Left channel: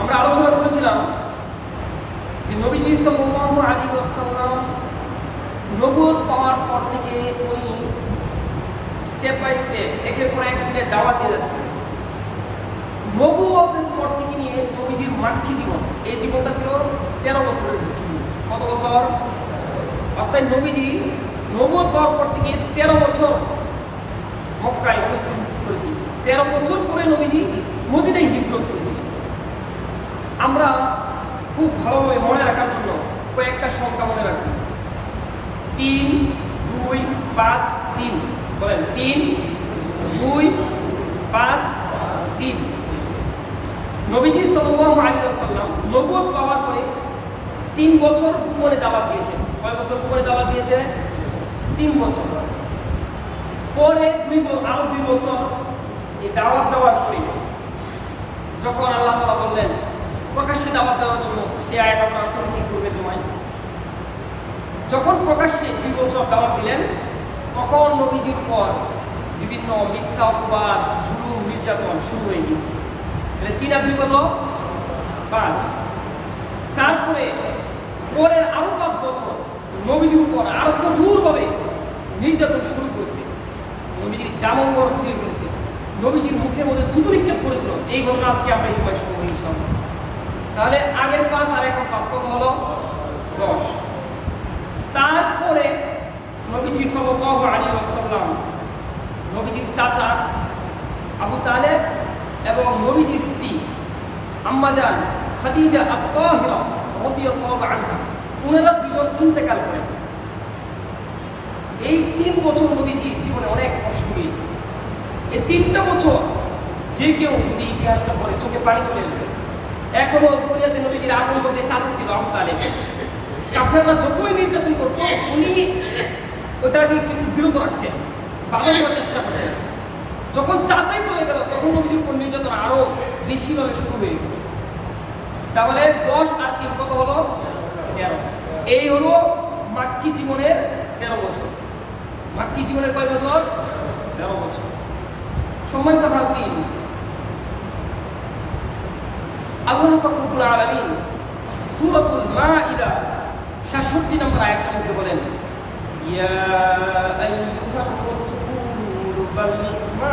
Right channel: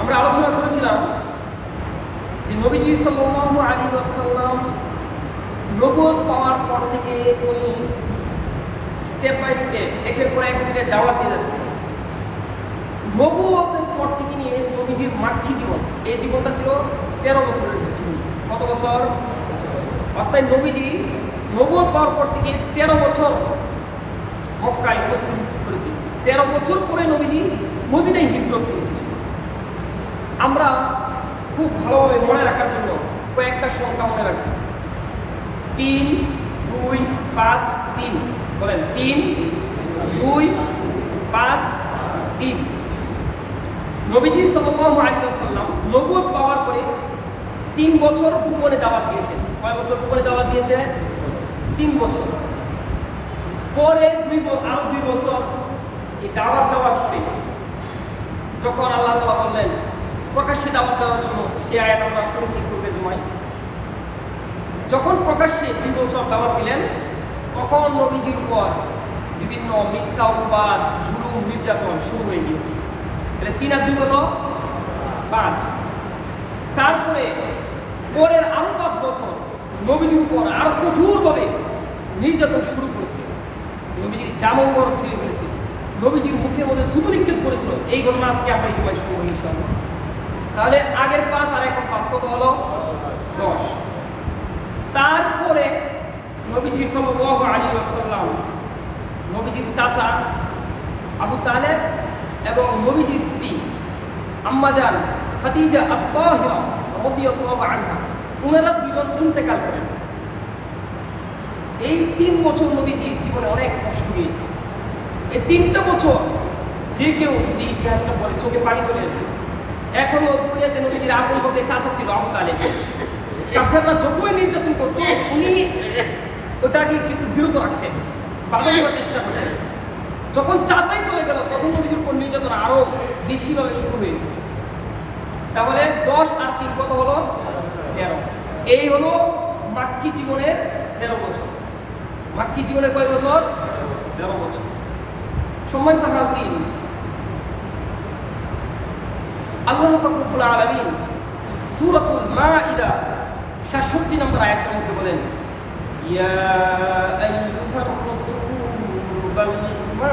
আমরা আলোচনা করেছিলাম যে নবীজি সাল্লাল্লাহু আলাইহি ওয়াসাল্লাম নবুয়ত পাওয়ার পর থেকে উনি স্টেপ বাই স্টেপ একের পর এক দিনে দাওয়াত দিয়ে যাচ্ছিলেন। নবুয়তের পর থেকে নিয়ে নবীজির মাক্কি জীবন, এই জীবনটা ছিল 13 বছরের। কত বছর? অর্থাৎ নবীজি নবুয়ত পাওয়ার পর থেকে 13 বছর মক্কায় অবস্থান করেছিলেন। 13 বছর পরে নবীজি মদিনায় হিজরত করেছিলেন। আমরা খুব ভালোভাবে মনে রাখার জন্য কয়েকটা সংখ্যা মনে রাখি। 3, 2, 5, 3। বলেন 3, 2, 5, 3। নবীজি সাল্লাল্লাহু আলাইহি ওয়াসাল্লাম নবুয়ত পাওয়ার পরে 3 বছর গোপনে দাওয়াত দিয়েছেন। কয় বছর গোপনে দাওয়াত দিয়েছে? 3 বছর। পরে আরো 2 বছর এই দাওয়াত দেওয়ার পরে যখন আল্লাহ তাআলা বললেন প্রকাশ্যে দাওয়াত দেওয়ার জন্য, সেই আয়াত আমরা শুনেছি পূর্বের জমায়, যখন প্রকাশ্যে 2 বছর দাওয়াত দিলেন তখন নবীজির উপর বিভিন্ন মিথ্যা অপবাদ, জুলুম, নির্যাতন শুরু হয়ে গিয়েছে। তাহলে 3 আর 2 কত? 5। তারপরে পরের আরো 5 বছর নবীজির উপর আরো কঠোরভাবে নির্যাতন শুরু করেছে। নবীজির জামা মুবারক ছিঁড়ে ফেলেছে, নবীজির মুখের মধ্যে থুতু নিক্ষেপ করেছিল। এই ঘটনা আজকে আমরা এই সময় শুনবো ইনশাআল্লাহ। তাহলে আগের 5 আর এখন 5 কত হলো? 10। তারপরে নবীজি সাল্লাল্লাহু আলাইহি ওয়াসাল্লাম নবীজির চাচা আবু তালেব এবং নবীজির স্ত্রী আম্মা জান খাদিজা আত-তাহিরা রাদিয়াল্লাহু আনহা, ওনারা দুজন ইন্তেকাল করেন। এই 3 বছর নবীজির জীবনে অনেক কষ্ট হয়েছে। এই 3টা বছর যে কেউ যদি ইতিহাসটা পড়ে চোখে পানি চলে আসবে। এখনো দুনিয়াতে নবীজির আপন বলতে চাচা ছিল আবু তালেব। কাফেররা যতই নির্যাতন করতো উনি ওটাকে একটু বিরত রাখতেন, বাধা দেওয়ার চেষ্টা করতেন। যখন চাচাই চলে গেল তখন নবীজির উপর নির্যাতন আরো বেশিভাবে শুরু হয়ে গেল। তাহলে 10 আর 3 কত হলো? 13। এই হলো মাক্কি জীবনের 13 বছর। মাক্কি জীবনের কয় বছর? 13 বছর। সম্মানিত হাজরিন, আল্লাহ পাক রব্বুল আলামিন সূরাতুল মাঈদা 66 নম্বর আয়াতের মধ্যে বলেন, ইয়া আইয়ুহার রাসূলু বাল্লিগ মা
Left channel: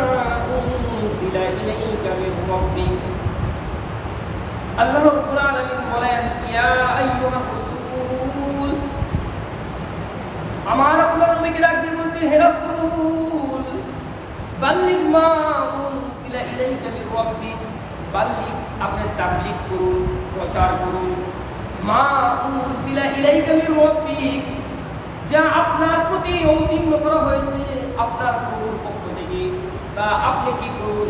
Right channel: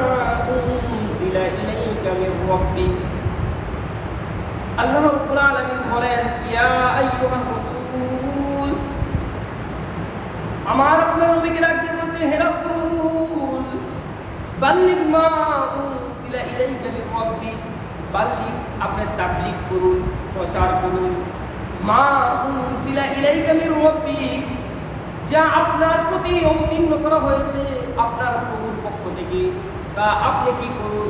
উনজিলা ইলাইকা মির রাব্বিক। আল্লাহ রাব্বুল আলামিন বলেন, ইয়া আইয়ুহার রাসূল, আমার আপনার নবীকে ডাক দিয়ে বলছে, হে রাসূল, বাল্লিগ মা উনজিলা ইলাইকা মির রাব্বিক, বাল্লিগ, আপনি তাবলীগ করুন, প্রচার করুন, মা উনজিলা ইলাইকা মির রাব্বিক, যা আপনার প্রতি অবতীর্ণ করা হয়েছে আপনার প্রভুর পক্ষ থেকে, তা আপনি কি করুন?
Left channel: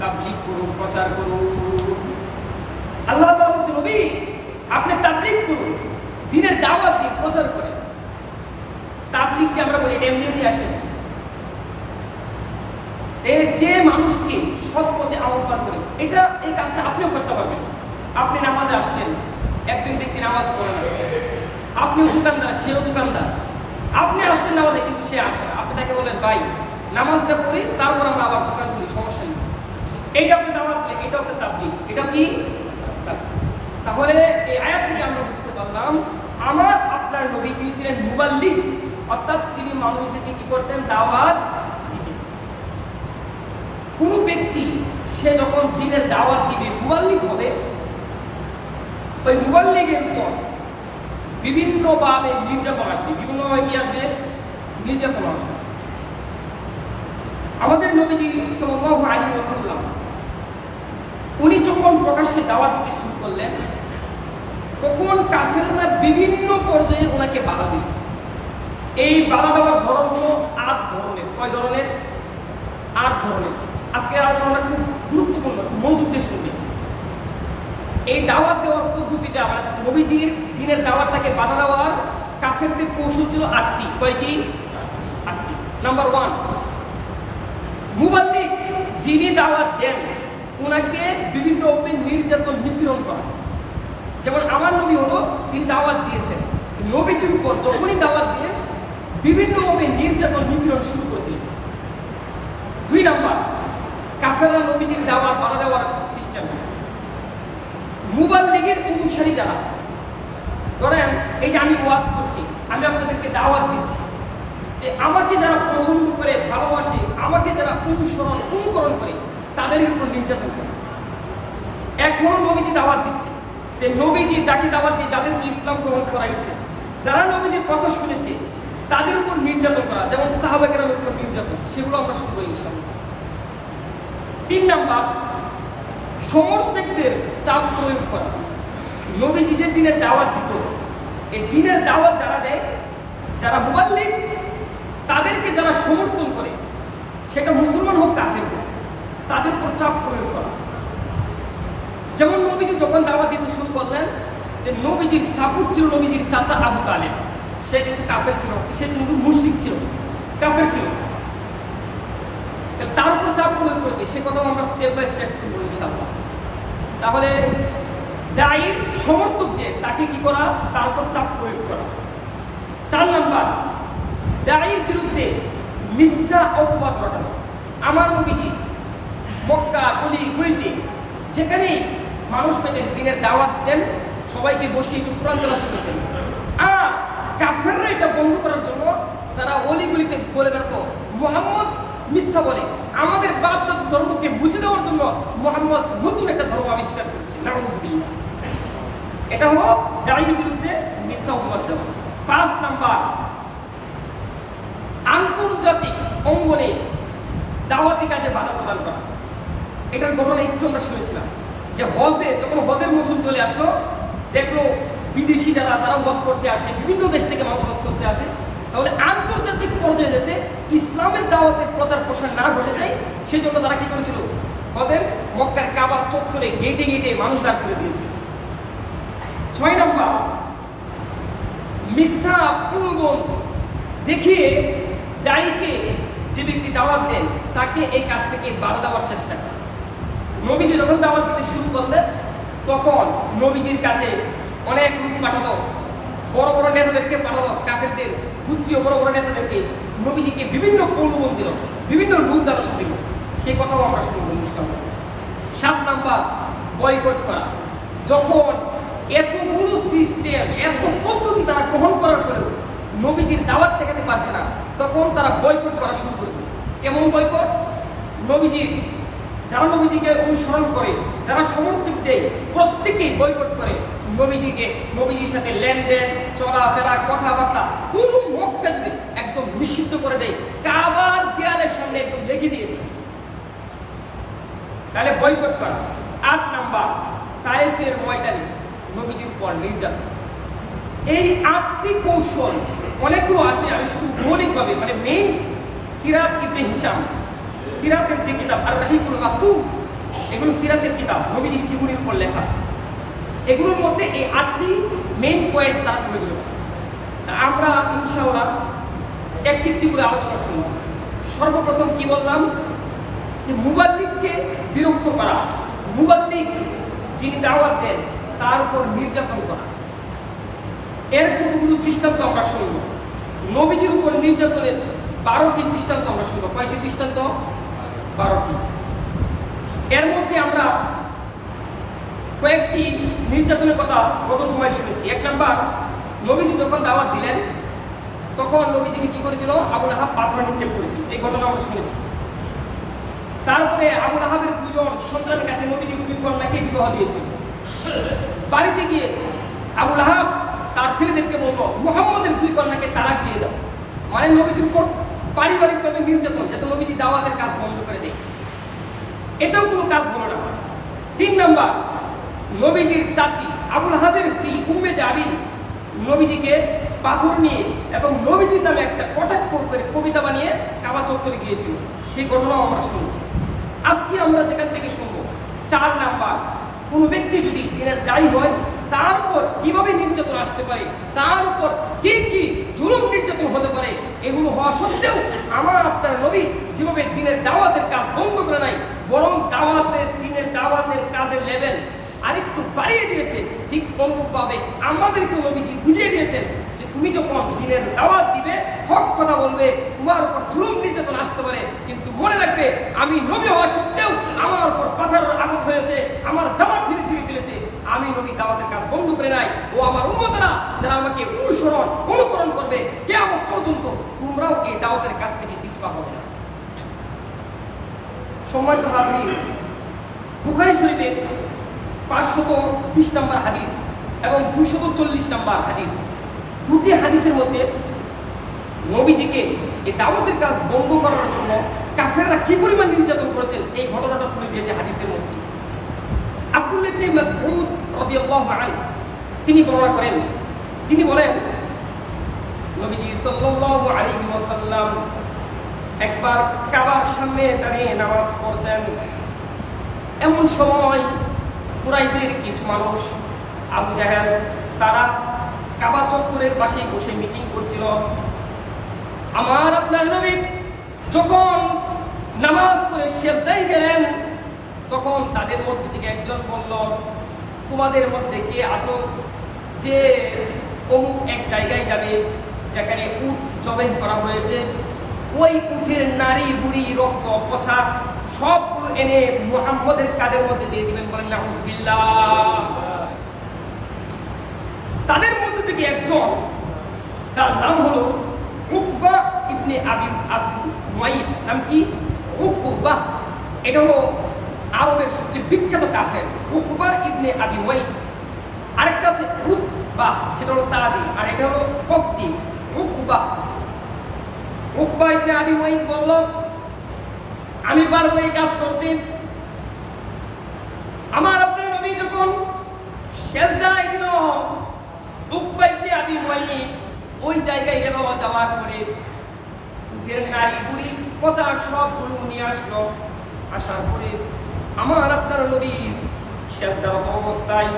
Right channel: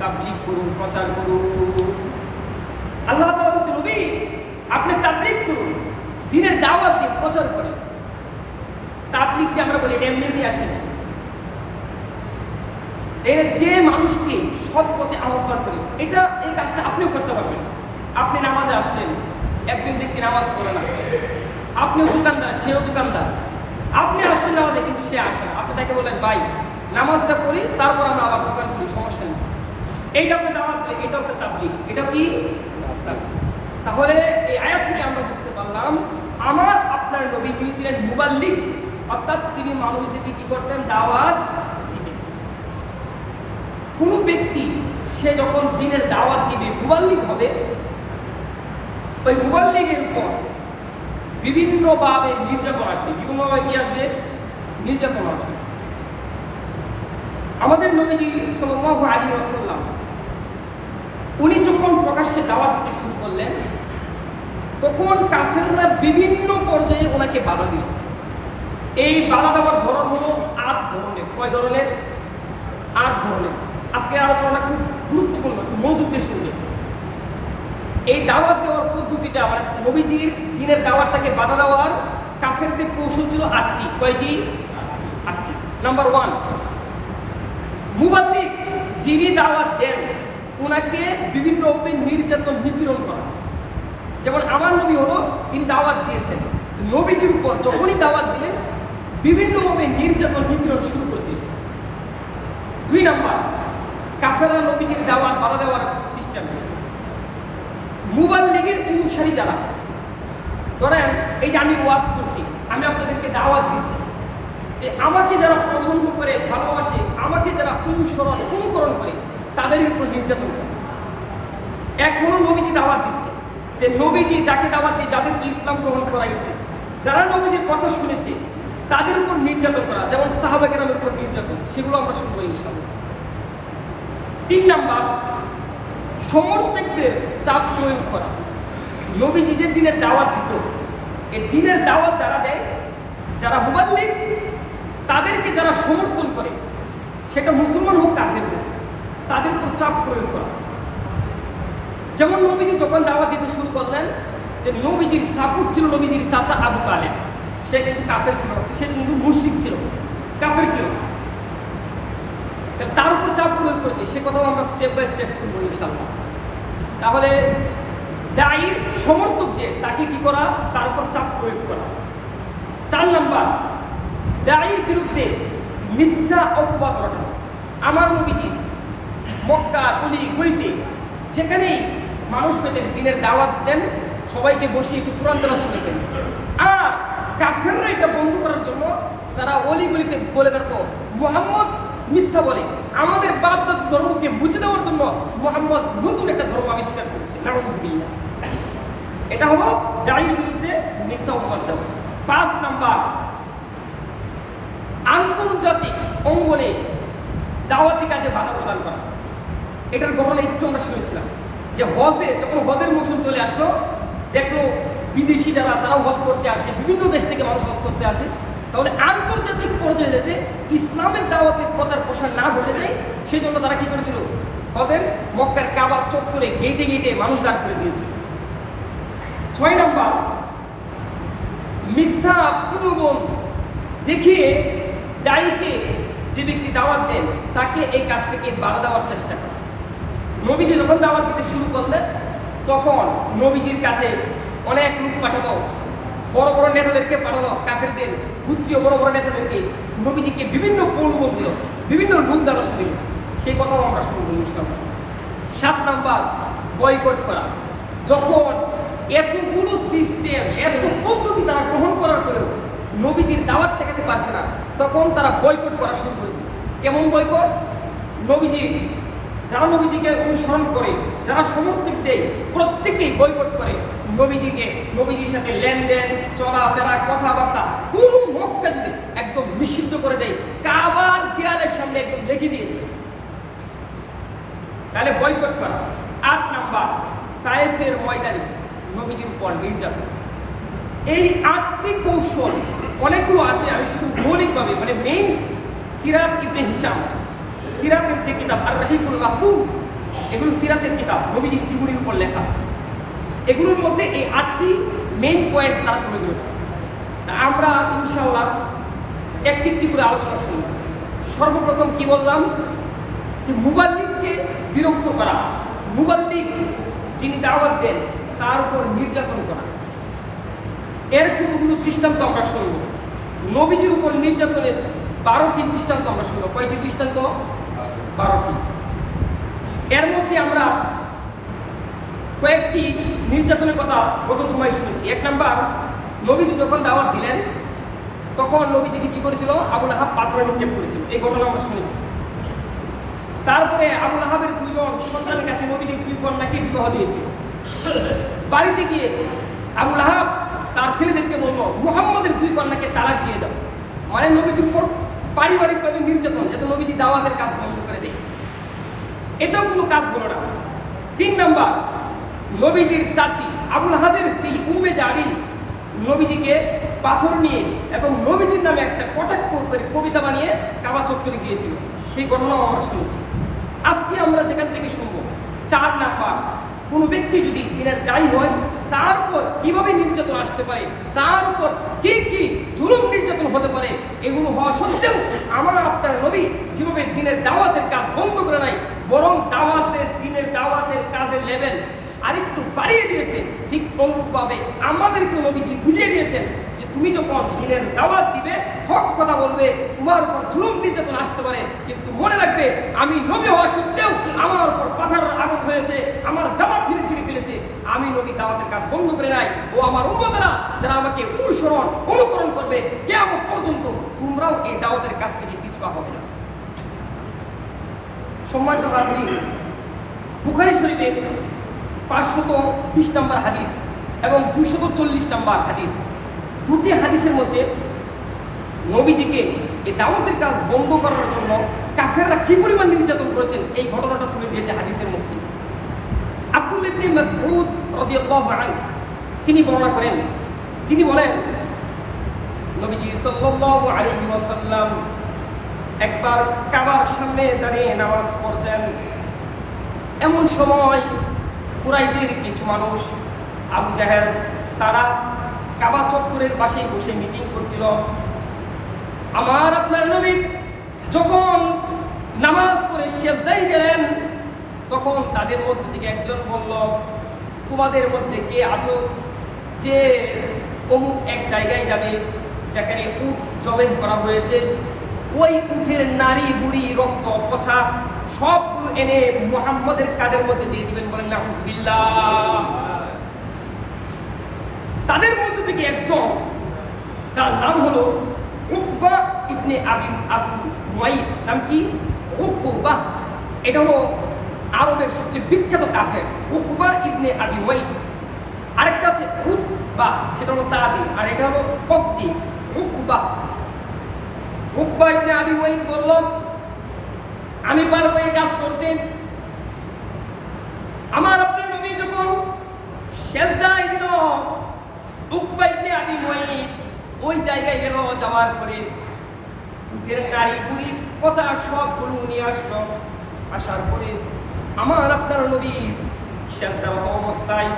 তাবলীগ করুন, প্রচার করুন। আল্লাহ তাআলা বলছেন, নবী আপনি তাবলীগ করুন, দ্বীনের দাওয়াত দিন, প্রচার করেন। তাবলীগ যে আমরা বলি এটা এমনি আসে না। যে মানুষকে সৎ পথে আহ্বান করে, এই কাজটা আপনিও করতে পারবেন। আপনি নামাজে আসছেন, একজন ব্যক্তি নামাজ পড়ে না, আপনিও দোকানদার, সেও দোকানদার, আপনি আসছেন নামাজে কিন্তু সে আসে না, আপনি তাকে বলেন, ভাই নামাজটা পড়ি তারপর আমরা আবার দোকান করি, সমস্যা নেই। এইটা আপনি দাওয়াত দিলেন, এটা আপনার তাবলীগ। এটা কি? তাহলে এই আয়াত থেকে আমরা বুঝতে পারলাম আমার আপনার নবী তিনি ছিলেন মুবাল্লিগ, অর্থাৎ তিনি মানুষদেরকে কি করতেন? দাওয়াত দিতেন। কোন ব্যক্তি সে যখন দ্বীনের দাওয়াত দিবে, মুবাল্লিগ হবে, ওই মুবাল্লিগের উপর বিভিন্নভাবে নির্যাতন আসবে। বিভিন্নভাবে কি আসবে? নির্যাতন আসবে। আমাদের নবীজি সাল্লাল্লাহু আলাইহি ওয়াসাল্লাম উনি যখন প্রকাশ্যে দাওয়াত দিতে শুরু করলেন তখন কাফেররা বিভিন্ন পর্যায়ে ওনাকে বাধা দিল। এই বাধা দেওয়ার ধরন হলো 8 ধরনের। কয় ধরনের? 8 ধরনের। আজকে আলোচনা খুব গুরুত্বপূর্ণ, খুব মনোযোগ দিয়ে শুনবেন। এই দাওয়াত দেওয়ার পদ্ধতিটা, মানে নবীজির দ্বীনের দাওয়াতটাকে বাধা দেওয়ার কাফেরদের কৌশল ছিল 8টি। কয়টি? 8টি। নাম্বার 1, মুবাল্লিগ যিনি দাওয়াত দেন ওনাকে বিভিন্নভাবে নির্যাতন, নিপীড়ন করা। যেমন আমার নবী হলো, তিনি দাওয়াত দিয়েছেন, নবীজির উপর যখনই দাওয়াত দিলেন বিভিন্নভাবে নির্যাতন, নিপীড়ন শুরু করে দিলেন। 2 নাম্বার, কাফেররা নবীজির দাওয়াত বাধা দেওয়ার সিস্টেম। মুবাল্লিগের অনুসারী যারা, ধরেন এই যে আমি ওয়াজ করছি, আমি আপনাদেরকে দাওয়াত দিচ্ছি, আমাকে যারা পছন্দ করে ভালোবাসে, আমাকে যারা অনুকরণ করে, তাদের উপর নির্যাতন করে। এখনো নবীজি দাওয়াত দিচ্ছে, যে নবীজি যাকে দাওয়াত দিয়ে যাদেরকে ইসলাম গ্রহণ করাইছে, যারা নবীজির কথা শুনেছে, তাদের উপর নির্যাতন করা, যেমন সাহাবা কেরামের উপর নির্যাতন, সেগুলো আমরা শুনবো ইনশাআল্লাহ। 3 নাম্বার, সমর্থকদের চাপ প্রয়োগ করা। নবীজি যে দিনের দাওয়াত দিত, এই দিনের দাওয়াত যারা দেয়, যারা মুবাল্লিগ, তাদেরকে যারা সমর্থন করে, সেটা মুসলমান হোক কাফের হোক, তাদের উপর চাপ প্রয়োগ করা। যেমন নবীজি যখন দাওয়াত দিতে শুরু করলেন, যে নবীজির সাপোর্ট ছিল নবীজির চাচা আবু তালেব, সে কিন্তু কাফের ছিল, সে কিন্তু মুশরিক ছিল, কাফের ছিল, তার উপর চাপ প্রয়োগ করেছে, সে কথাও আমরা স্টেপ বাই স্টেপ শুনবো ইনশাআল্লাহ। তাহলে দায়ীর সমর্থক যে, তাকে কি করা, তার উপর চাপ প্রয়োগ করা। 4 নাম্বার, দায়ীর বিরুদ্ধে মিথ্যা অপবাদ রটানো। আমার নবীজি মক্কা গলিতে যেখানেই মানুষ পেতেন, দিনের দাওয়াত দিতেন, সবাইকে বসে একটু কোরআন তেলাওয়াত শুনতেন। আর কাফেররা এটা বন্ধ করার জন্য তারা অলিগলিতে বলে বেড়াতো, মুহাম্মদ মিথ্যা বলে, আমাদের বাপ দাদা ধর্মকে মুছে দেওয়ার জন্য মুহাম্মদ নতুন একটা ধর্ম আবিষ্কার করেছে, নাউযুবিল্লাহ। এটা হলো দায়ীর বিরুদ্ধে মিথ্যা অপবাদ দেওয়া। 5 নাম্বার, আন্তর্জাতিক অঙ্গনে দাওয়াতি কাজে বাধা প্রদান করা। এটার ঘটনা একটু আমরা শুনেছিলাম, যে যখন হজের মৌসুম চলে আসলো, দেখলো বিদেশি যারা, তারাও হজ করতে আসে, বিভিন্ন দেশ থেকে মানুষ হজ করতে আসে, তাহলে আন্তর্জাতিক পর্যায়ে যেতে ইসলামের দাওয়াতের প্রচার প্রসার না ঘটে যায়, সেই জন্য তারা কি করেছিল, হজের মক্কার কাবার চত্বরে গেটে গেটে মানুষ দাঁড় করে দিয়েছিল। 6 নাম্বার, মিথ্যা প্রলোভন দেখিয়ে দায়ীকে, যে ব্যক্তি দাওয়াত দেন, তাকে এই কাজ থেকে বাধা দেওয়ার চেষ্টা করে। নবীজি যখন দাওয়াত দিতে শুরু করলেন, তখন নবীজির কাছে অনেক লোক পাঠানো, বড় বড় নেতাদেরকে পাঠানো, কাফেরদের গোত্রীয় বড় বড় নেতাদেরকে নবীজিকে বিভিন্ন প্রলোভন দিল, বিভিন্ন লোক দারসা দিল, সেই কথাও আমরা শুনবো ইনশাআল্লাহ। 7 নাম্বার, বয়কট করা। যখন এতগুলো সিস্টেম, এত পদ্ধতি তারা গ্রহণ করার পরেও নবীজির দাওয়াত ঠেকাতে পারছে না, তখন তারা বয়কট করা শুরু করে দিল। কেমন বয়কট? যারা নবীজিকে অনুসরণ করে, যারা সমর্থক দেয়, প্রত্যেকেই বয়কট করে নবীজির সাথে লেনদেন, চলাফেরা, কথাবার্তা, পুরো মক্কা যদি একদম নিষিদ্ধ করে দেয়, কাবার দেয়ালের সামনে একদম লিখে দিয়েছে। তাহলে বয়কট করা। 8 নাম্বার, তায়েফের ময়দানে নবীজির উপর নির্যাতন। এই 8টি কৌশল, অনেকগুলো আছে, আমি শুধু মৌলিকভাবে, মানে মেইন সিরাত ইবনে হিশাম, সিরাতের যে কিতাব আর রাহিকুল মাকতুম, এগুলো সিরাতের কিতাব, নবীজির জীবনীর উপর লেখা। এগুলোর মধ্যে এই 8টি মেইন পয়েন্ট তারা তুলে ধরেছে। আমরা ইনশাআল্লাহ একটি একটি করে আলোচনা শুনব। সর্বপ্রথম কি বললাম, যে মুবাল্লিগকে বিরক্ত করা, মুবাল্লিগ যিনি দাওয়াত দেন তার উপর নির্যাতন করা। এর কতগুলো দৃষ্টান্ত আমরা শুনব। নবীজির উপর নির্যাতনের 12টি দৃষ্টান্ত আমরা শুনব। কয়টি দৃষ্টান্ত? 12টি। এর মধ্যে আমরা কয়েকটি নির্যাতনের কথা গত জুমায় শুনেছি। 1 নাম্বার, নবীজি যখন দাওয়াত দিলেন, তখন নবীজিকে কি করেছিল, আবু লাহাব পাথরে নিক্ষেপ করেছিল, এই ঘটনা আমরা শুনেছি। তারপরে আবু লাহাবের 2 জন সন্তানের কাছে নবীজি 2 কন্যাকে বিবাহ দিয়েছিল। বাড়িতে গিয়ে আবু লাহাব তার ছেলেদেরকে বললো, মুহাম্মদের 2 কন্যাকে তালাক দিয়ে দাও, মানে নবীজির উপর পারিবারিকভাবে নির্যাতন, যাতে নবীজি দাওয়াতের কাজ বন্ধ করে দেয়। এটাও কোনো কাজ হলো না। 3 নাম্বার, নবীজির চাচি আবু লাহাবের স্ত্রী উম্মে জামিল নবীজিকে পাথর নিয়ে এবং নবীজির নামে একটা কটাক্ষ করে কবিতা বানিয়ে কাবা চত্বরে গিয়েছিল, সেই ঘটনাও আমরা শুনেছি। আজকে আমরা যেখান থেকে শুনবো 4 নাম্বার, কোনো ব্যক্তি যদি দিনের দায়ী হয়, তার উপর কিভাবে নির্যাতন আসতে পারে, তার উপর কি কি জুলুম নির্যাতন হতে পারে, এগুলো হওয়া সত্ত্বেও আমার আপনার নবী যেভাবে দিনের দাওয়াতের কাজ বন্ধ করে নাই, বরং দিনের দাওয়াতের কাজের লেভেল আরেকটু বাড়িয়ে দিয়েছে, ঠিক অনুরূপভাবে আমাদেরকে নবীজি বুঝিয়ে দিয়েছেন যে তুমি যখন দিনের দাওয়াত দিবে, হক কথা বলবে, তোমার উপর জুলুম নির্যাতন আসতে পারে, কিন্তু মনে রাখবে আমি নবী হওয়া সত্ত্বেও আমার উপর পাথরের আঘাত হয়েছে, আমার জামা ছিঁড়ে ফেলেছে, আমি আমি নবী দাওয়াতের কাজ বন্ধ করে নাই। ও আমার উম্মতেরা যারা আমাকে অনুকরণ করবে কিয়ামত পর্যন্ত, তোমরাও এই দাওয়াতের কাজ থেকে পিছপা হবে না। সম্মানিত হাজরিন, বুখারী শরীফের 520 নম্বর হাদিস এবং 240 নম্বর হাদিস, দুটি হাদিসের মধ্যে নবীজিকে এই দাওয়াতের কাজ বন্ধ করার জন্য কাফেররা কি পরিমাণ নির্যাতন করেছেন এই ঘটনাটা তুলে দিয়েছে হাদিসের মধ্যে। আব্দুল্লাহ ইবনে মাসউদ রাদিয়াল্লাহু আনহু তিনি বর্ণনা করেন, তিনি বলেন নবীজি সাল্লাল্লাহু আলাইহি ওয়াসাল্লাম একবার কাবার সামনে দাঁড়িয়ে নামাজ পড়ছেন। এমন সময় কুরাইশদের কিছু মানুষ, আবু জাহেল, তারা কাবা চত্বরের পাশেই বসে মিটিং করছিল। আমার আপনার নবী যখন নামাজ পড়ে সিজদায় গেলেন, তখন তাদের মধ্যে থেকে একজন বলল, তোমাদের মধ্যে কে আছো যে অমুক এক জায়গায় যাবে যেখানে উট জবাই করা হয়েছে, ওই উটের নারী বুড়ি রক্ত পচা সবগুলো এনে মুহাম্মদের কাদের মধ্যে দিয়ে দিবেন। বলেন নাউযুবিল্লাহ। তাদের মধ্যে থেকে একজন, তার নাম হলো উকবা ইবনে আবু মুয়াইত। নাম কি? উকবা। এটা হলো আরবের সবচেয়ে বিখ্যাত কাফের, উকবা ইবনে আবি মুয়াইত। আরেকটা আছে উতবা, সেটা হলো তাদি, আর এটা হলো কফতি। উকবা ইবনে আবি মুয়াইত বলল, আমি পারবো এই কাজ করতে। আমার আপনার নবী যখন সিজদায় দিল, উকবা ইবনে আবি মুয়াইত ওই জায়গায় গেল, যাওয়ার পরে উটের নারী বুড়ি পচা সবগুলো নিয়ে আসলো। আসার পরে আমার আপনার নবী সিজদারত অবস্থায়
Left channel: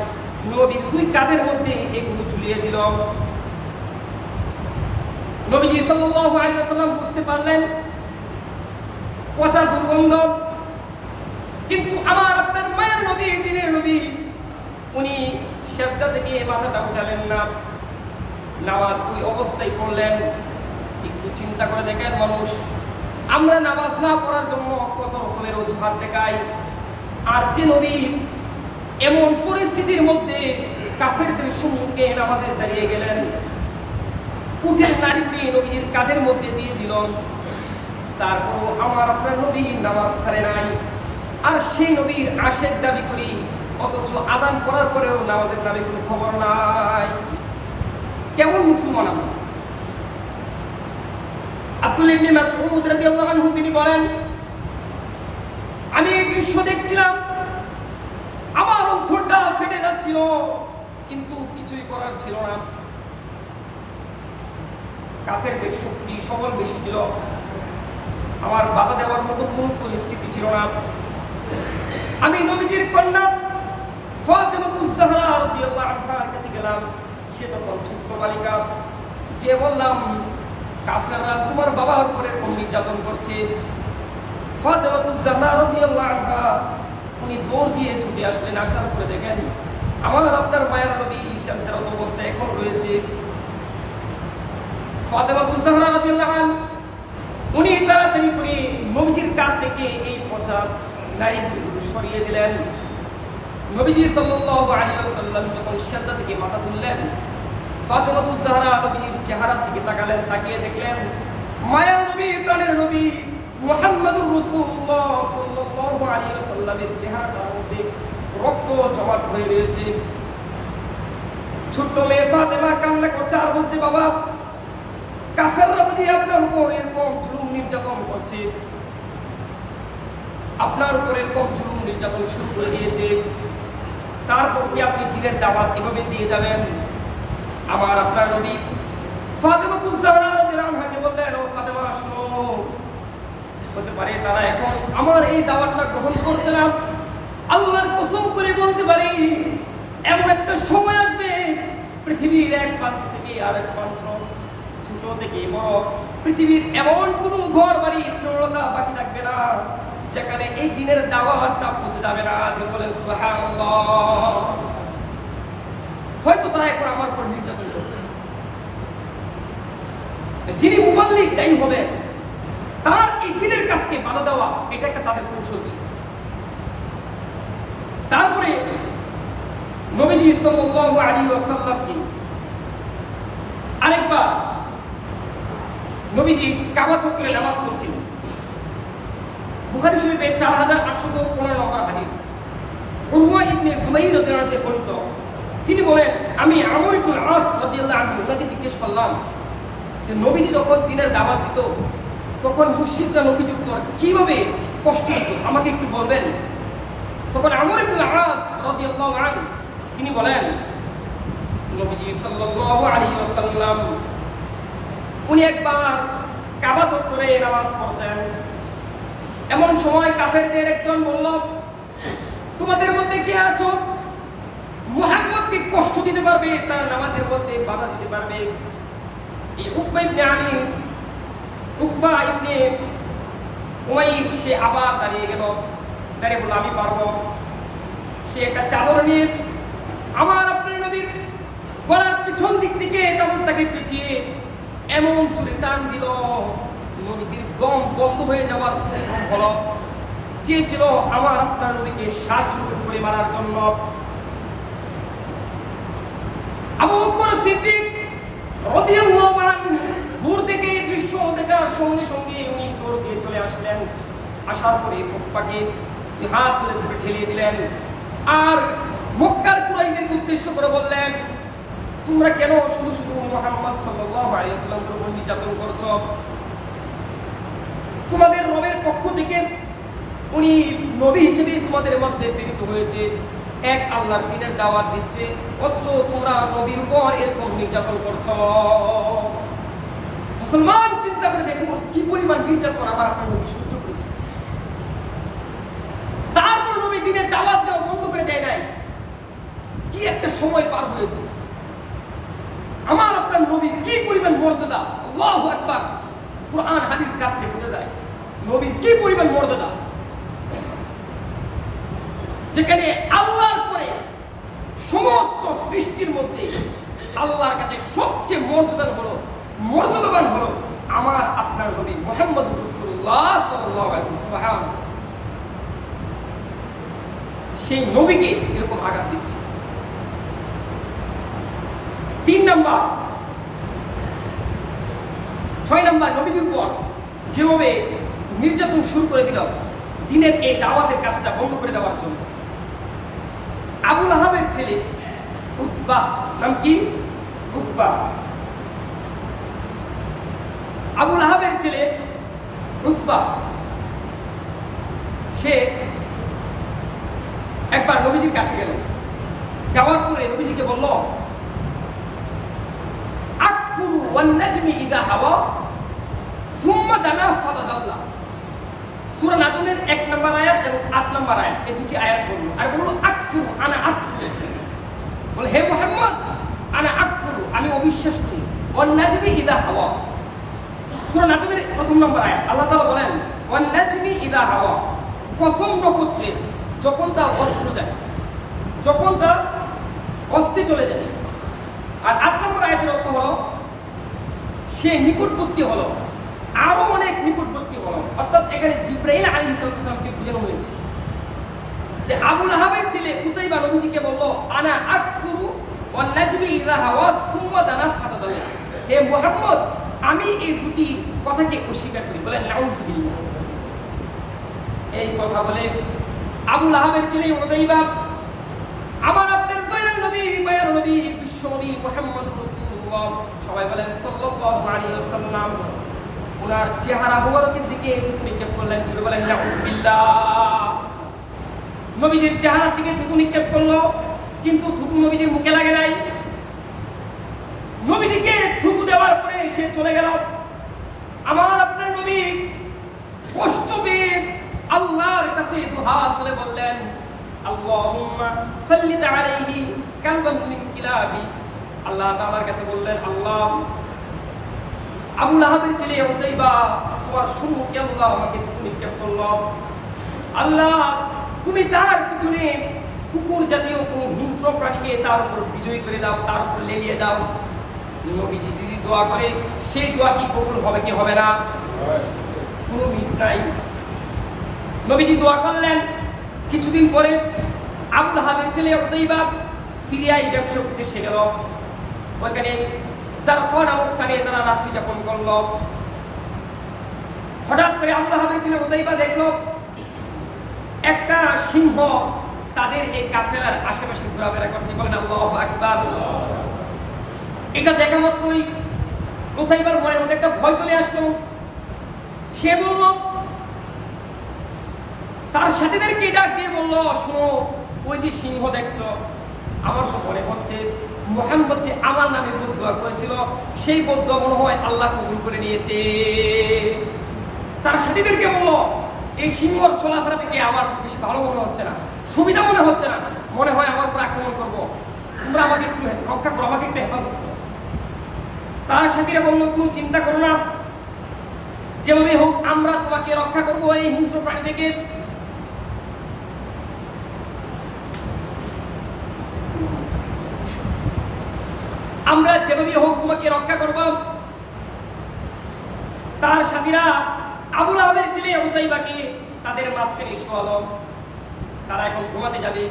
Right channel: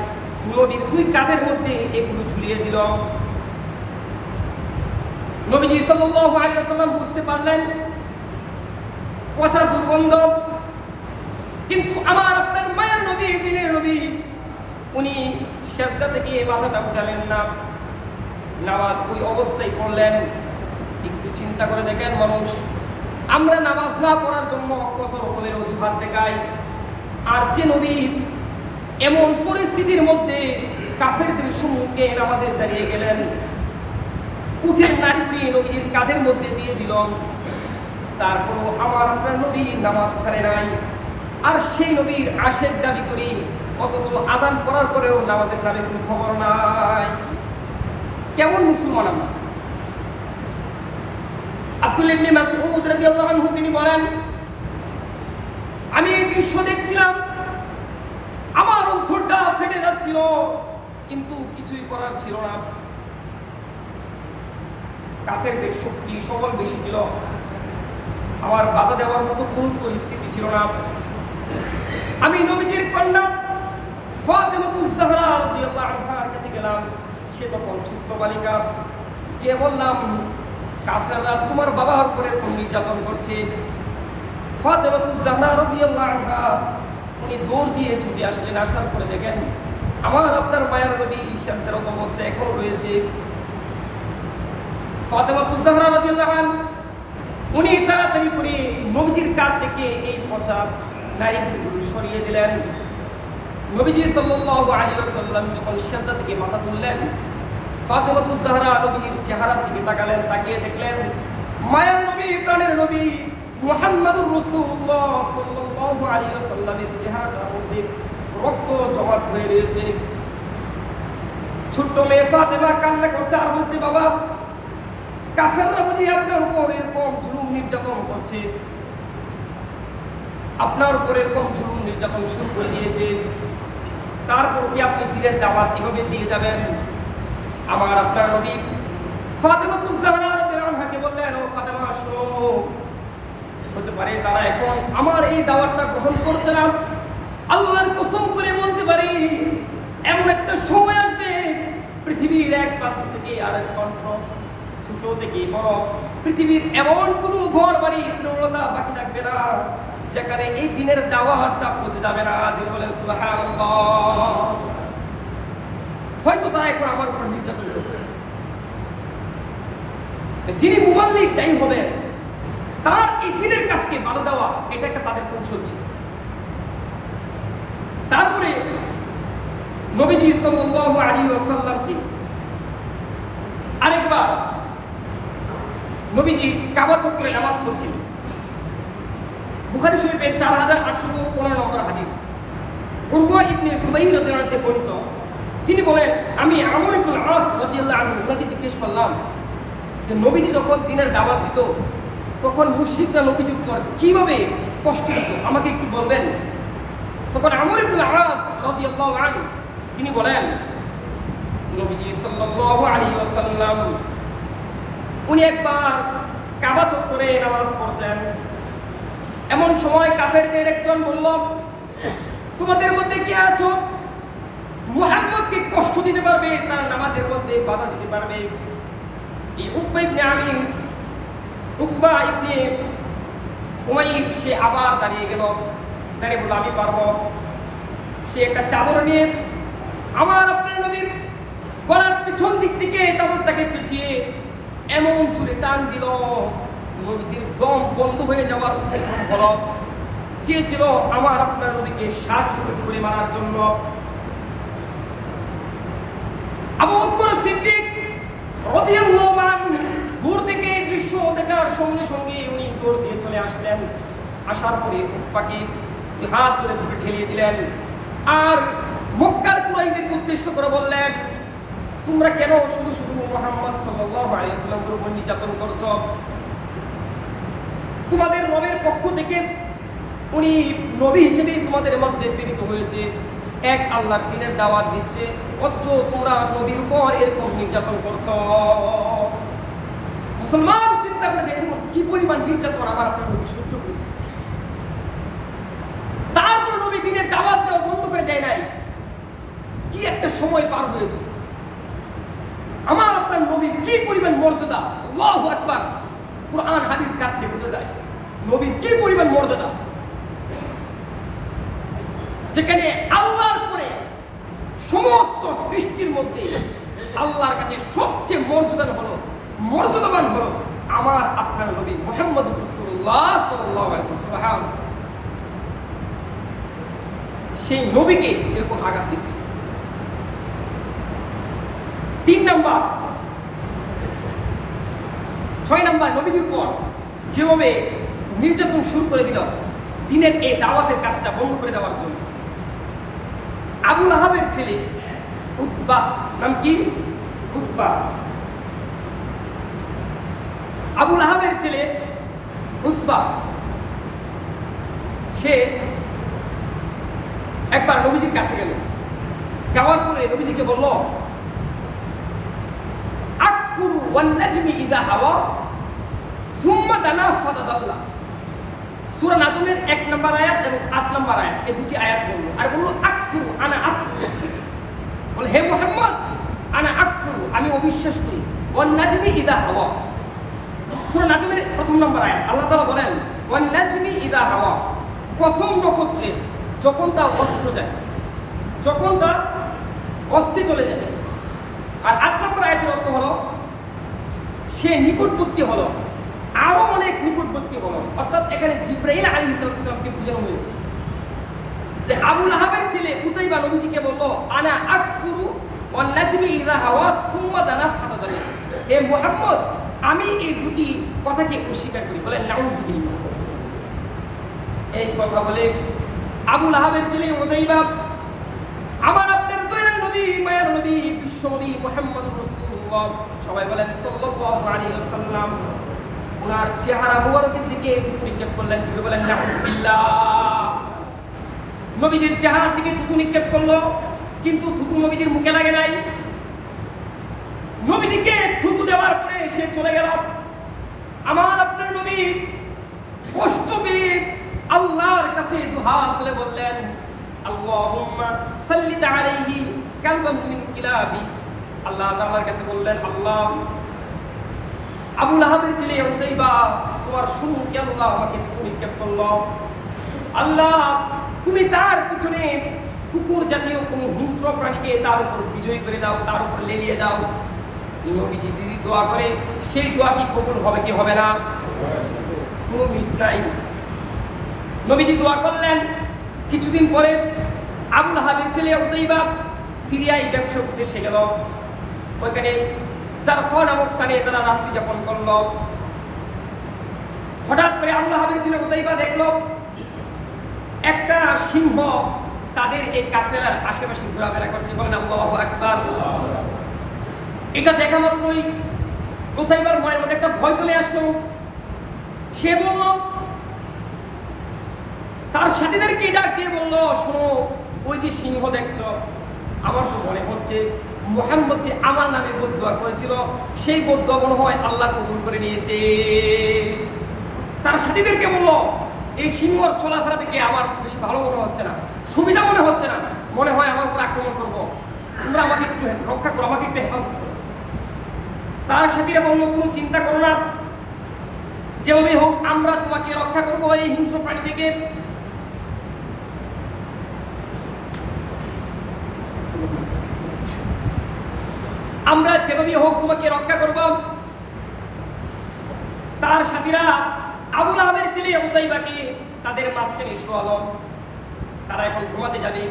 নবীর দুই কাঁধের মধ্যে এগুলো ঝুলিয়ে দিল। নবীজি সাল্লাল্লাহু আলাইহি ওয়াসাল্লাম বুঝতে পারলেন পচা দুর্গন্ধ, কিন্তু আমার আপনার মায়ের নবী, দিনের নবী, উনি সিজদা থেকে মাথাটা উঠালেন না, নামাজ ওই অবস্থায় পড়লেন। একটু চিন্তা করে দেখেন মানুষ, আমরা নামাজ না পড়ার জন্য কত রকমের অজুহাত দেখাই, আর যে নবী এমন পরিস্থিতির মধ্যে কাফেরদের সম্মুখে নামাজে দাঁড়িয়ে গেলেন, উটের নারী বুড়ি নবীর কাঁধের মধ্যে দিয়ে দিল, তারপরও আমার আপনার নবী নামাজ ছাড়ে নাই। আর সেই নবীর আশেক দাবি করি, অথচ আযান করার পরেও নামাজের নামে কোনো খবর নাই। কেমন মুসলমান আমরা? আব্দুল্লাহ ইবনে মাসউদ রাদিয়াল্লাহু আনহু তিনি বলেন, আমি এই দৃশ্য দেখছিলাম, আমার অন্তরটা ফেটে যাচ্ছিল, কিন্তু কিছুই করার ছিল না। কাফেরদের শক্তি সবল বেশি ছিল, আমার বাধা দেওয়ার মতো কোন পরিস্থিতি ছিল না। আমি নবীজির কন্যা ফাতেমাতুজ জাহরা রাদিয়াল্লাহু আনহার কাছে গেলাম, সে তখন ছোট্ট বালিকা, গিয়ে বললাম, কাফেররা তোমার বাবার উপরে কোন নির্যাতন করছে। ফাতেমাতুজ জাহরা রাদিয়াল্লাহু আনহা উনি দৌড় দিয়ে ছুটে আসলেন। আসার পরে দেখেন আমার আপনার মায়ের নবী সিজদারত অবস্থায় এখন রয়েছে। ফাতেমাতুজ জাহরা রাদিয়াল্লাহু আনহা উনি তাড়াতাড়ি করে নবীজির কাঁধ থেকে এই পচা নারীগুলো সরিয়ে দিলেন। নবীজি সাল্লাল্লাহু আলাইহি ওয়াসাল্লাম যখন সিজদা থেকে মাথা তুললেন, ফাতেমাতুজ জাহরা নবীর চেহারার দিকে তাকালেন, তাকিয়ে দেখলেন মায়ের নবী, প্রাণের নবী মুহাম্মদুর রাসূলুল্লাহ সাল্লাল্লাহু আলাইহি ওয়াসাল্লামের চেহারাটার মধ্যে রক্ত জমাট হয়ে রয়েছে। ছোট্ট মেয়ে ফাতেমা কান্না করছে আর বলছে, বাবা, কাফেররা বুঝি আপনার উপর এরকম জুলুম নির্যাতন করছে, আপনার উপর এরকম জুলুম নির্যাতন শুরু করে দিয়েছে, তারপর কি আপনি দ্বীনের দাওয়াত এভাবে দিয়ে যাবেন? আমার আপনার নবী ফাতেমাতুজ জাহরা রাদিয়াল্লাহু আনহাকে বললেন, ও ফাতেমা, শোনো, হতে পারে তারা এখন আমার এই দাওয়াতটা গ্রহণ করছে না। আল্লাহর কসম করে বলতে পারি, এমন একটা সময় আসবে পৃথিবীর এক প্রান্ত থেকে আরেক প্রান্ত, ছোট থেকে বড়, পৃথিবীর এমন কোনো ঘর বাড়ি তৃণলতা বাকি থাকবে না যেখানে এই দিনের দাওয়াতটা পৌঁছে যাবে না। যে বলেন সুবহানাল্লাহ। হয়তো তারা এখন আমার উপর নির্যাতন করছে, যিনি মুবাল্লিগ দায়ী হবে তার এই দিনের কাজকে বাধা দেওয়া, এটা একটা তাদের কৌশল ছিল। তারপরে নবীজি সাল্লাল্লাহু আলাইহি ওয়াসাল্লামকে আরেকবার নবীজি কাবা চত্বরে নামাজ পড়ছিলেন। বুখারী শরীফের 4815 নম্বর হাদিস। উরওয়া ইবনে যুবাইর রাদিয়াল্লাহু আনহু বর্ণিত, তিনি বলেন, আমি আমর ইবনে আস রাদিয়াল্লাহু আনহু ওনাকে জিজ্ঞেস করলাম যে নবীজি যখন দিনের দাওয়াত দিত তখন মুশরিকরা নবীজির উপর কিভাবে কষ্ট দিত, আমাকে একটু বলবেন? তখন আমর ইবনে আস রাদিয়াল্লাহু আনহু তিনি বলেন, নবীজি সাল্লাল্লাহু আলাইহি ওয়াসাল্লাম উনি একবার কাবা চত্বরে নামাজ পড়ছেন। এমন সময় কাফেরদের একজন বলল, তোমাদের মধ্যে কে আছো মুহাম্মদকে কষ্ট দিতে পারবে, তার নামাজের মধ্যে বাধা দিতে পারবে? এই উকবা ইবনে উমাইর সে আবার দাঁড়িয়ে গেল, দাঁড়িয়ে বলল, আমি পারবো। সে একটা চাদর নিয়ে আমার আপনার নবীর গলার পিছন দিক থেকে চাদরটাকে পেঁচিয়ে এমন জোরে টান দিল, নবীজির দম বন্ধ হয়ে যাওয়ার উপক্রম হলো। চেয়েছিল আমার আপনার নবীকে শ্বাস করে মারার জন্য। আবু বকর সিদ্দিক রাদিয়াল্লাহু আনহু দূর থেকে দৃশ্য দেখার সঙ্গে সঙ্গে উনি দৌড় দিয়ে চলে আসলেন। আসার পরে উকবাকে হাত ধরে ধরে ঠেলিয়ে দিলেন আর মক্কার কুরাইশদের উদ্দেশ্য করে বললেন, তোমরা কেন শুধু শুধু মুহাম্মদ সাল্লাল্লাহু আলাইহি ওয়াসাল্লামের উপর নির্যাতন করছো? তোমাদের রবের পক্ষ থেকে উনি নবী হিসেবে তোমাদের মধ্যে প্রেরিত হয়েছে, এক আল্লাহর দ্বীনের দাওয়াত দিচ্ছে, অথচ তোমরা নবীর উপর এরকম নির্যাতন করছো। মুসলমান চিন্তা করে দেখুন কি পরিমাণ নির্যাতন আমার আপনার নবী সহ্য করেছে। তারপর নবী দ্বীনের দাওয়াত দেওয়া বন্ধ করে দেয় নাই। কি একটা সময় পার হয়েছে, আমার আপনার নবীর কি পরিমাণ মর্যাদা! আল্লাহু আকবার! কুরআন হাদিস ঘাটলে বোঝা যায় নবীর কি পরিমাণ মর্যাদা। যেখানে আল্লাহর পরে সমস্ত সৃষ্টির মধ্যে আল্লাহর কাছে সবচেয়ে মর্যাদাবান হলো আমার আপনার নবী মুহাম্মদুর রাসূলুল্লাহ সাল্লাল্লাহু আলাইহি ওয়াসাল্লাম। সেই নবীকে এরকম আঘাত দিচ্ছে। 6 নাম্বার নবীজির উপর যেভাবে নির্যাতন শুরু করে দিল দিনের এই দাওয়াতের কাজটা বন্ধ করে দেওয়ার জন্য। আবু লাহাবের ছেলে উতবা, নাম কি? উতবা। আবু লাহাবের ছেলে উতবা সে একবার নবীজির কাছে গেল। যাওয়ার পরে নবীজিকে বলল, আকফুরু ওয়ান নাজমি ইযা হাওয়া সুম্মা দানা ফাতাদাল্লা। সূরা নাজমের 1 নম্বর আয়াত এবং 8 নম্বর আয়াত, এই দুটি আয়াত বলল। আর বলল আকফুরু, আনা আকফুরু, বলে হে মুহাম্মদ আনা আকফুরু, আমি অবিশ্বাস করি। ওয়ান নাজমি ইযা হাওয়া, সূরা নাজমের 1 নম্বর আয়াত, আল্লাহ তাআলা বলেন ওয়ান নাজমি ইযা হাওয়া, কসম নক্ষত্রের যখন তা অস্ত্র যায়, যখন তা অস্তে চলে যাবে। আর 8 নম্বর আয়াতের অর্থ হলো সে নিকটবর্তী হলো, আরো অনেক নিকটবর্তী হলো। অর্থাৎ এখানে জিবরাইল আলাইহিস সালামকে বোঝানো হয়েছে যে আবু লাহাবের ছেলে উতাইবা নবীজিকে বলল, আনা আকফুরু ওয়ান নাজমি ইযা হাওয়া সুম্মা দানা ফাতাদাল্লা, হে মুহাম্মদ আমি এই দুটি কথাকে অস্বীকার করি। বলেন নাউযুবিল্লাহ। এই কথা বলে আবু লাহাবের ছেলে উতাইবা আমার আপনার দয়ার নবী, মায়ের নবী, বিশ্ব নবী মুহাম্মদুর রাসূলুল্লাহ, সবাই বলেন সাল্লাল্লাহু আলাইহি ওয়াসাল্লাম, ওনার চেহারা মুবারকের দিকে চোখ নিক্ষেপ করলেন। জোরে বলেন নাউযুবিল্লাহ। নবীজির চেহারার দিকে থুতু নিক্ষেপ করলো, কিন্তু থুতু নবীজির মুখে লাগে নাই। নবীজিকে থুতু দেওয়ার পরে সে চলে গেল। আমার আপনার নবী কষ্ট পেয়ে আল্লাহর কাছে দুহাত তুলে বললেন, আল্লাহুম্মা সাল্লিত আলাইহি কালবান মিন কিলাবি। আল্লাহ তাআলার কাছে বললেন, আল্লাহ আবু লাহাবের ছেলে উতাইবা তোমার সম্মুখে আল্লাহ আমাকে থুতু নিক্ষেপ করলো, আল্লাহ তুমি তার পিছনে কুকুর জাতীয় কোন হিংস্র প্রাণীকে তার উপর বিজয়ী করে দাও, তার উপর লেলিয়ে দাও। নবীজি যদি দোয়া করে সেই দোয়া কি কবুল হবে কি হবে না? কোনো মিস নাই। নবীজি দোয়া করলেন। কিছুদিন পরে আবু লাহাবের ছেলে উতাইবা সিরিয়ায় ব্যবসার উদ্দেশ্যে গেল। ওইখানে জারকা নামক স্থানে তারা রাত্রি যাপন করল। হঠাৎ করে আবু লাহাবের ছেলে উতাইবা দেখলো একটা সিংহ তাদের এই কাফেলার আশেপাশে ঘোরাফেরা করছে। বলেন আল্লাহু আকবার। এটা দেখা মাত্রই উতাইবার মনের মধ্যে একটা ভয় চলে আসলো। সে বলল, তার সাথীদেরকে ডাক দিয়ে বলল, শোনো, ওই যে সিংহ দেখছো, আমার তো মনে হচ্ছে মুহাম্মদ যে আমার নামে বদদুয়া করেছিল সেই বদদুয়া মনে হয় আল্লাহ কবুল করে নিয়েছে। তার সাথীদেরকে বলল, এই সিংহর চলাফেরা থেকে আমার বেশি ভালো মনে হচ্ছে না, সুবিধা মনে হচ্ছে না, মনে হয় আমার উপর আক্রমণ করবো, তোমরা আমাকে একটু রক্ষা করো, আমাকে একটু হেফাজত করো। তার সাথীরা বলল, কোনো চিন্তা করো না, যেভাবে হোক আমরা তোমাকে রক্ষা করবো এই হিংস্র প্রাণী থেকে। আমরা যেভাবে হোক তোমাকে রক্ষা করব। তার সাথীরা আবু লাহাবের ছেলে উতাইবাকে তাদের মাঝখানে শোয়ালো। তারা এখন ঘুমাতে যাবে।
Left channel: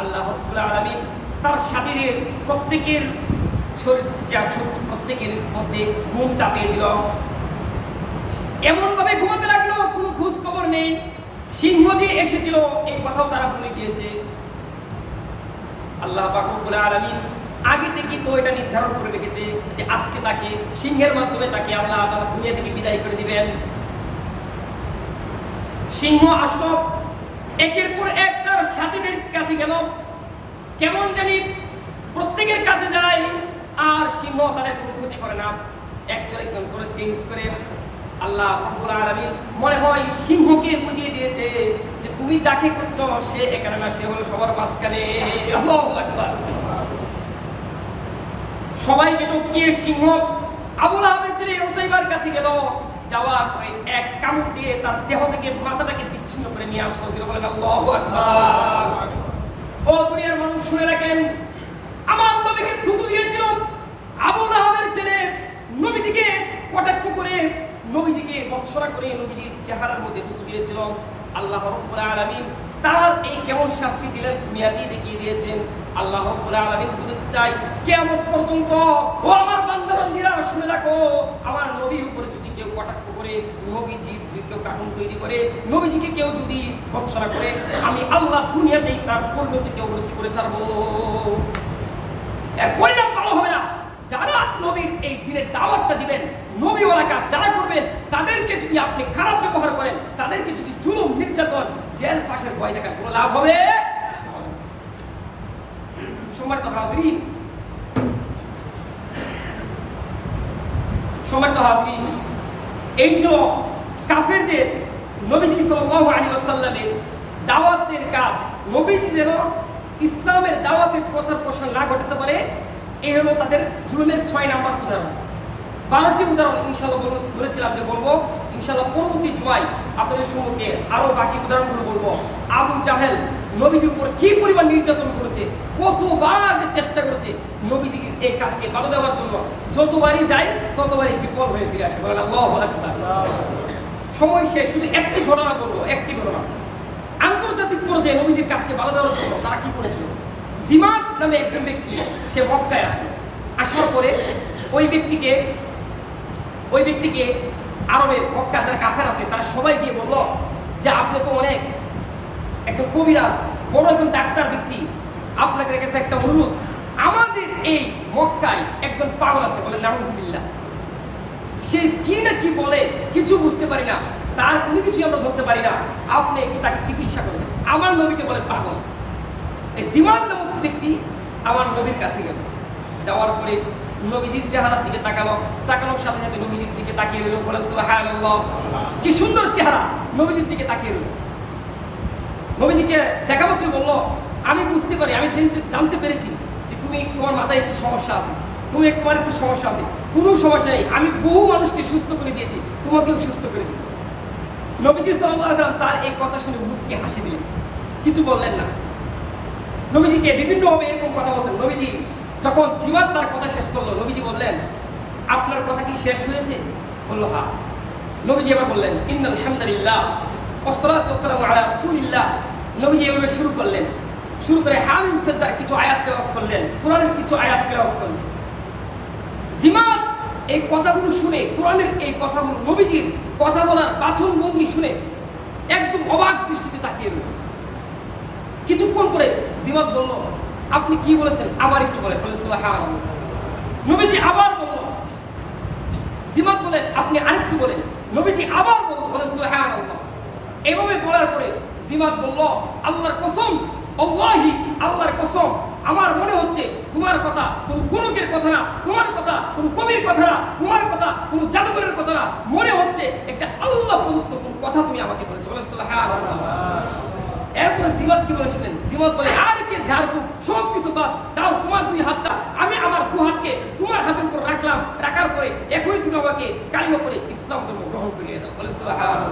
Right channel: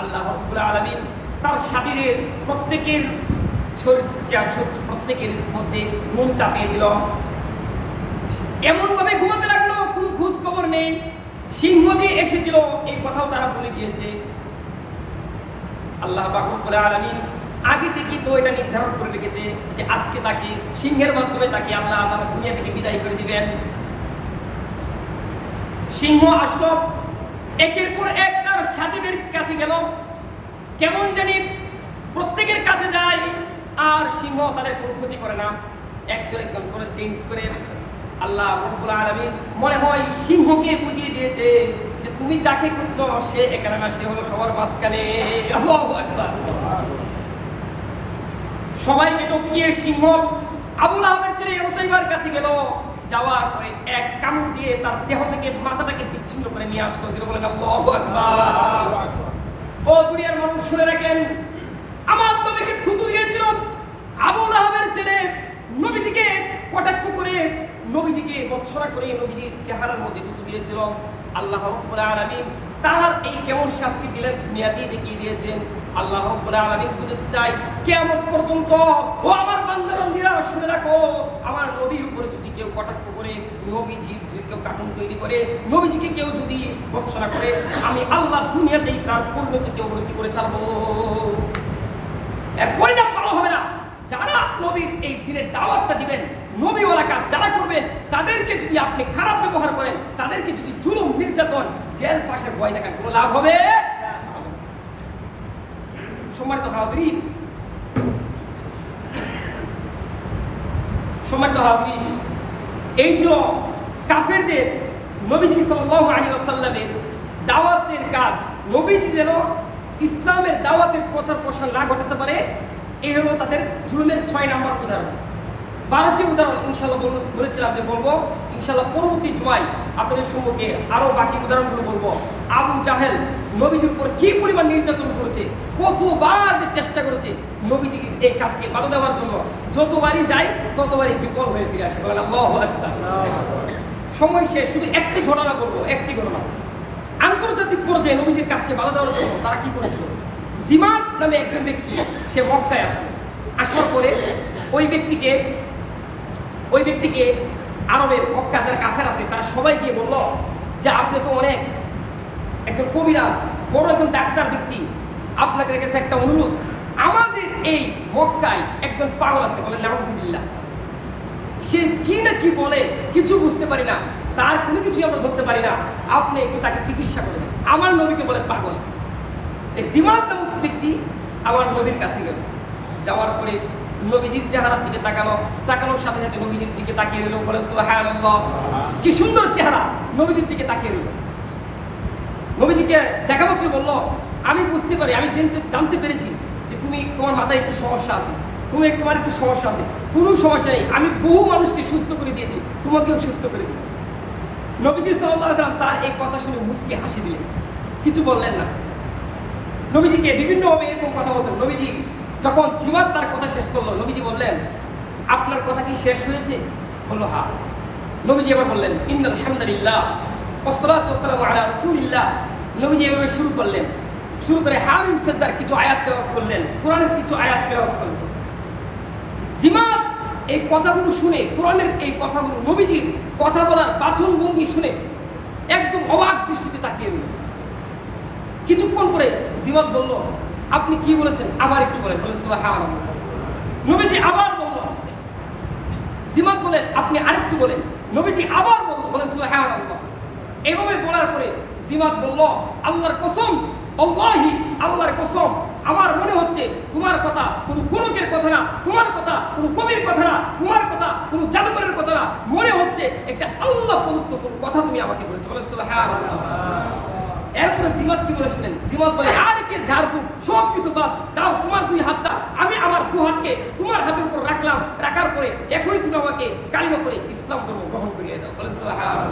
আল্লাহ রাব্বুল আলামিন তার সাথীদের প্রত্যেকের প্রত্যেকের মধ্যে ঘুম চাপিয়ে দিল। এমন ভাবে ঘুমাতে লাগলো, কোনো খোঁজ খবর নেই। সিংহ যে এসেছিল এই কথাও তারা ভুলে গিয়েছে। আল্লাহ পাক রব্বুল আলামিন আগে থেকে তো এটা নির্ধারণ করে রেখেছে যে আজকে তাকে সিংহের মাধ্যমে তাকে আল্লাহ তাআলা দুনিয়া থেকে বিদায় করে দিবেন। সিংহ আসলো, একের পর এক তার সাথীদের কাছে গেল, কেমন জানি প্রত্যেকের কাছে যায়, আর সিংহ তাদের কোনো ক্ষতি করে না, একজন করে চেঞ্জ করে। আল্লাহ রাব্বুল আলামিন মনে হয় সিংহকে বুঝিয়ে দিয়েছে যে তুমি যাকে খুঁজছো সে এখানে না, সে হলো সবার মাঝখানে। আল্লাহু আকবার। সবাইকে টপকিয়ে সিংহ আবু লাহাবের ছেলে উতাইবার কাছে গেল। যাওয়ার পরে এক কামড় দিয়ে তার দেহ থেকে মাথাটাকে বিচ্ছিন্ন করে নিয়ে আসলো। যেটা বলেন আল্লাহু আকবার। ও দুনিয়ার মানুষ শুনে রাখেন, আমার নবীকে থুতু দিয়েছিল আবু লাহাবের ছেলে, নবীজিকে কটাক্ষ করে, নবীজিকে বৎসরা করে নবীজির চেহারার মধ্যে থুতু দিয়েছিল। আল্লাহ রাব্বুল আলামিন তার এই কেমন শাস্তি দিলেন দুনিয়াতেই দেখিয়ে দিয়েছেন। আল্লাহ রাব্বুল আলামিন বুঝাতে চাই, কিয়ামত পর্যন্ত ও আমার বান্দা-বান্দীরা শুনে রাখো, আমার নবীর উপরে যদি কেউ কটাক্ষ করে, নবীজির যদি কেউ কার্টুন তৈরি করে, নবীজিকে কেউ যদি বৎসরা করে, আমি আল্লাহ দুনিয়াতেই তার পরিণতিকে অবনতি করে ছাড়বো। এর পরিণাম ভালো হবে না। যারা নবীর এই দিনের দাওয়াতটা দিবেন, নবীওয়ালা কাজ যারা করবেন, তাদেরকে যদি আপনি খারাপ ব্যবহার করেন, তাদেরকে যদি জুলুম, নির্যাতন, জেল ফাঁসের ভয় দেখান, কোনো লাভ হবে না। সম্মানিত হাজরিন, এই ছিল কাফেরদের নবীজি সাল্লাল্লাহু আলাইহি ওয়াসাল্লামের দাওয়াতের কাজ। নবীজি যেন ইসলামের দাওয়াতের প্রচার প্রসার না ঘটাতে পারে, এই হলো তাদের জুলুমের 6 নম্বর উদাহরণ। 12টি উদাহরণ ইনশাআল্লাহ বলেছিলাম যে বলবো, ইনশাআল্লাহ পরবর্তী জুমায় আপনাদের সম্মুখে আরো বাকি উদাহরণগুলো বলবো। আবু জাহেল নবীজির উপর কি পরিমাণ নির্যাতন করেছে, কতবার যে চেষ্টা করেছে নবীজির এই কাজকে বাধা দেওয়ার জন্য, যতবারই যায় ততবারই বিফল হয়ে ফিরে আসে। বলেন আল্লাহু আকবার। সময় শেষ, শুধু একটি ঘটনা বলবো, একটি ঘটনা। আন্তর্জাতিক পর্যায়ে নবীজির কাজকে বাধা দেওয়ার জন্য তারা কি করেছিল? জিমাদ নামে একজন ব্যক্তি, সে মক্কায় আসলো। আসার পরে ওই ব্যক্তিকে আরবের মক্কা যারা কাফের আছে তারা সবাই গিয়ে বলল যে আপনি তো অনেক একজন কবিরাজ, বড় একজন ডাক্তার ব্যক্তি, আপনাকে কাছে একটা অনুরোধ, আমাদের এই মক্কায় একজন পাগল আছে, বলে নাউজুবিল্লাহ, সে কি না কি বলে কিছু বুঝতে পারি না, তার কোনো কিছুই আমরা ধরতে পারি না, আপনি একটু তাকে চিকিৎসা করে দেন। আমার নবীকে বলে পাগল। এই জিমাদ নামক ব্যক্তি আমার নবীর কাছে গেল। যাওয়ার পরে নবীজির চেহারার দিকে তাকানোর সাথে সাথে নবীজির দিকে তাকিয়ে রইল। বলেন সুবহানাল্লাহ, কি সুন্দর চেহারা, নবীজির দিকে তাকিয়ে রইল। নবীজিকে দেখা মাত্র বলল, আমি বুঝতে পারি, আমি জানতে পেরেছি যে তোমার মাথায় একটু সমস্যা আছে, তোমার একটু সমস্যা আছে। কোনো সমস্যা নেই, আমি বহু মানুষকে সুস্থ করে দিয়েছি, তোমাকেও সুস্থ করে দিব। নবীজি সাল্লাল্লাহু আলাইহি ওয়াসাল্লাম তার এই কথা শুনে মুচকি হাসি দিলেন, কিছু বললেন না। নবীজিকে বিভিন্নভাবে এরকম কথা বলতেন। নবীজি যখন জিমাদ তার কথা শেষ করলো, নবীজি বললেন, আপনার কথা কি শেষ হয়েছে? বলল হ্যাঁ। নবীজি এবার বললেন, ইন্নাল হামদুলিল্লাহ ওয়াসসালাতু ওয়াসসালামু আলা রাসূলিল্লাহ। নবীজি এভাবে শুরু করলেন, শুরু করে হামিম সাজদার কিছু আয়াত তেলাওয়াত করলেন, কোরআনের কিছু আয়াত তেলাওয়াত করলেন। জিমাত এই কথাগুলো শুনে, কোরআনের এই কথাগুলো, নবীজির কথা বলার বাচন ভঙ্গি শুনে একদম অবাক দৃষ্টিতে তাকিয়ে রইল। কিছুক্ষণ পরে জিমাত বলল, আপনি কি বলেছেন আবার একটু বলেন। বলে সুবহানাল্লাহ। নবীজি আবার বলল। জিমাত বলেন, আপনি আরেকটু বলেন। নবীজি আবার বলল। বলে সুবহানাল্লাহ। এভাবে বলার পরে জিমাত বলল, আল্লাহর কসম, আল্লাহি, আল্লাহর কসম, আমার মনে হচ্ছে তোমার কথা কোনো গণকের কথা না, তোমার কথা কোনো কবির কথা না, তোমার কথা কোনো জাদুকরের কথা না, মনে হচ্ছে একটা আল্লাহ প্রদত্ত কোনো কথা তুমি আমাকে বলেছো। বলে সুবহানাল্লাহ। এরপরে জিমাত কি বলেছিলেন? জিমাত বলে, আর কে ঝাড়ফুঁক সব কিছু বাদ দাও, তোমার দুই হাতটা আমি আমার দু হাতকে তোমার হাতের উপর রাখলাম, রাখার পরে এখনই তুমি আমাকে কালিমা পড়ে ইসলাম ধর্ম গ্রহণ করিয়ে দাও। বলে সুবহানাল্লাহ।